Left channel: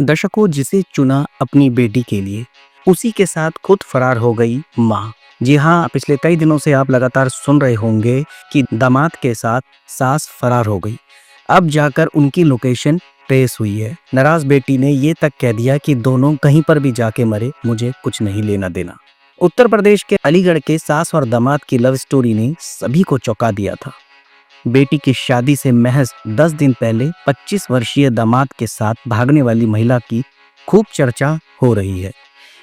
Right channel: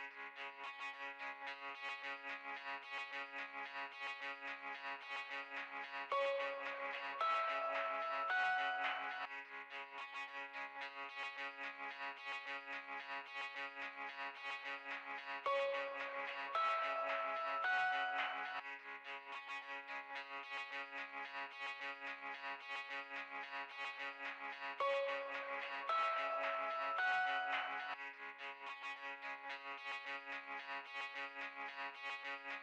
दशकों जिसे चुना अपनी बेटी के लिए, उसी के साथ खुद फरार हो गई माँ। जी हाँ, पिछले कई दिनों से आप लगातार सुन रहे होंगे कि दामाद के साथ सास फरार हो गई। अब जाकर उनकी लोकेशन ट्रेस हुई है। नाराज बेटी ने ये तक कह दिया कि दोनों कहीं पर भी जाके मरे, मुझे कुछ नहीं लेना देना। उत्तर प्रदेश के अलीगढ़ के सास और दामाद की लव स्टोरी ने सभी को चौंका दिया था। बेटी की शादी से महज 10 दिन पहले 25 वर्षीय दामाद के साथ भागने वाली महिला की खूब चर्चा हो रही है।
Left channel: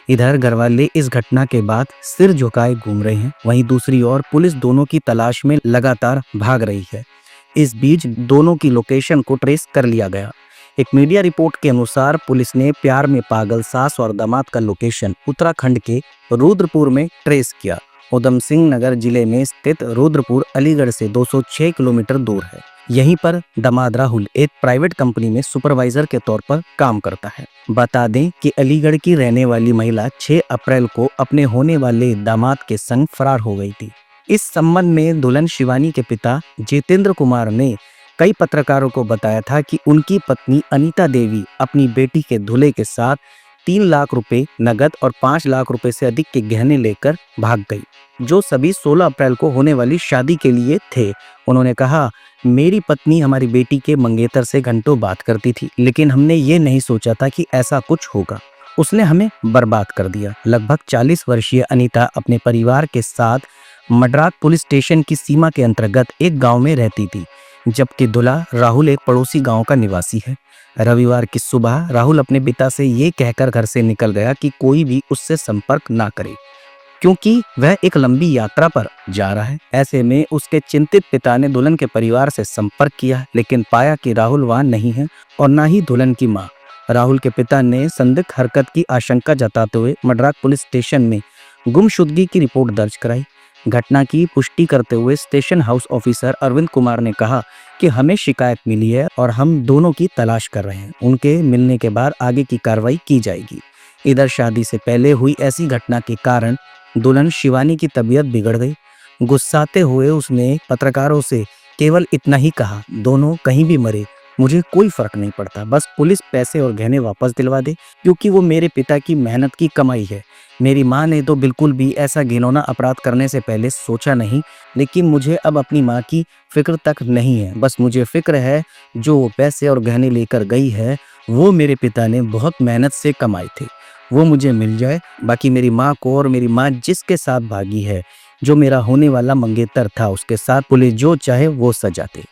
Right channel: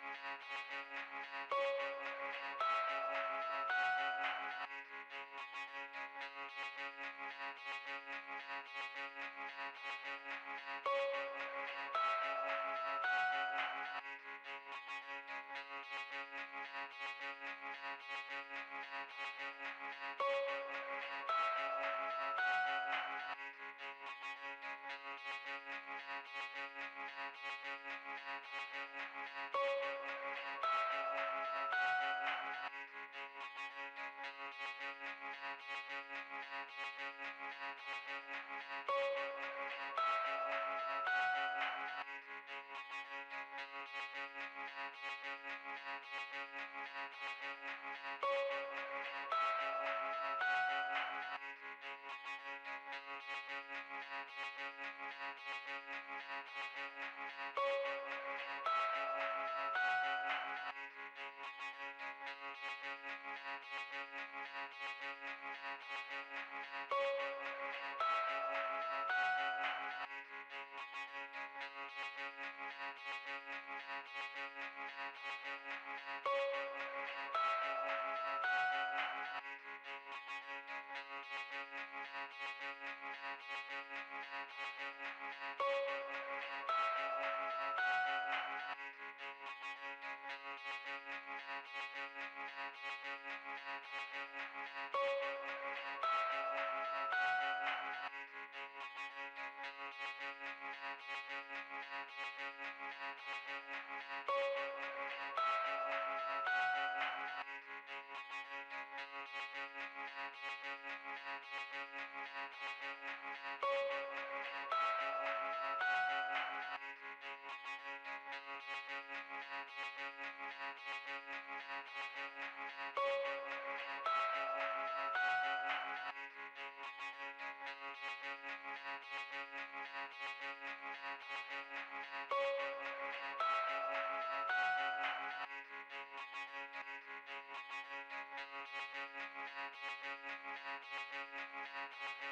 इधर घरवाले इस घटना के बाद सिर झुकाए घूम रहे हैं, वहीं दूसरी ओर पुलिस दोनों की तलाश में लगातार भाग रही है। इस बीच दोनों की लोकेशन को ट्रेस कर लिया गया। एक मीडिया रिपोर्ट के अनुसार पुलिस ने प्यार में पागल सास और दामाद का लोकेशन उत्तराखंड के रुद्रपुर में ट्रेस किया। उधम सिंह नगर जिले में स्थित रुद्रपुर अलीगढ़ से 206 किलोमीटर दूर है। यहीं पर दामाद राहुल एक प्राइवेट कंपनी में सुपरवाइजर के तौर पर काम करता है। बता दें कि अलीगढ़ की रहने वाली महिला 6 अप्रैल को अपने होने वाले दामाद के संग फरार हो गई थी। इस संबंध में दुल्हन शिवानी के पिता जितेंद्र कुमार ने कई पत्रकारों को बताया था कि उनकी पत्नी अनीता देवी अपनी बेटी के दूल्हे के साथ 3 लाख रुपए नगद और 5 लाख रुपए से अधिक के गहने लेकर भाग गई, जो सभी 16 अप्रैल को होने वाली शादी के लिए थे। उन्होंने कहा, मेरी पत्नी हमारी बेटी के मंगेतर से घंटों बात करती थी, लेकिन हमने ये नहीं सोचा था कि ऐसा कुछ होगा। उसने हमें बर्बाद कर दिया। लगभग 40 वर्षीय अनीता अपने परिवार के साथ मडरात पुलिस स्टेशन की सीमा के अंतर्गत एक गांव में रहती थी, जबकि दूल्हा राहुल एक पड़ोसी गांव का निवासी है। रविवार की सुबह राहुल अपने पिता से ये कहकर घर से निकल गया कि कोई भी उससे संपर्क ना करे, क्योंकि वह एक लंबी यात्रा पर जा रहा है। ऐसे में उसके चिंतित पिता ने दुल्हन के परिवार से संपर्क किया, लेकिन पाया कि राहुल वहां नहीं है और ना ही दुल्हन की मां। राहुल के पिता ने संदिग्ध हरकत की आशंका जताते हुए मडरात पुलिस स्टेशन में गुमशुदगी की रिपोर्ट दर्ज कराई। घटना की पुष्टि करते हुए station house officer Arvind Kumar ने कहा कि हमें शिकायत मिली है और हम दोनों की तलाश कर रहे हैं। उनके मिलने के बाद आगे की कार्रवाई की जाएगी। इधर शादी से पहले हुई ऐसी घटना के कारण दुल्हन शिवानी की तबीयत बिगड़ गई। गुस्साते हुए उसने पत्रकारों से केवल इतना ही कहा, दोनों कहीं भी मरे, मुझे कोई फर्क नहीं पड़ता, बस पुलिस पैसे और गहने वापस दिलवा दे, क्योंकि वो मेरे पिता की मेहनत की कमाई है। मेरी माँ ने तो बिल्कुल भी ऐसा घिनौना अपराध करने से पहले सोचा नहीं, लेकिन मुझे अब अपनी माँ की फिक्र तक नहीं है। बस मुझे फिक्र है जो वो पैसे और गहने लेकर गई है, वो मेरे पिता ने बहुत मेहनत से कमाए थे, वो मुझे मिल जाए। बाकी मेरी माँ को और मेरी माँ जिसके साथ भागी है, जो मेरा होने वाला मंगेतर था, उसके साथ पुलिस जो चाहे वो सजा दे।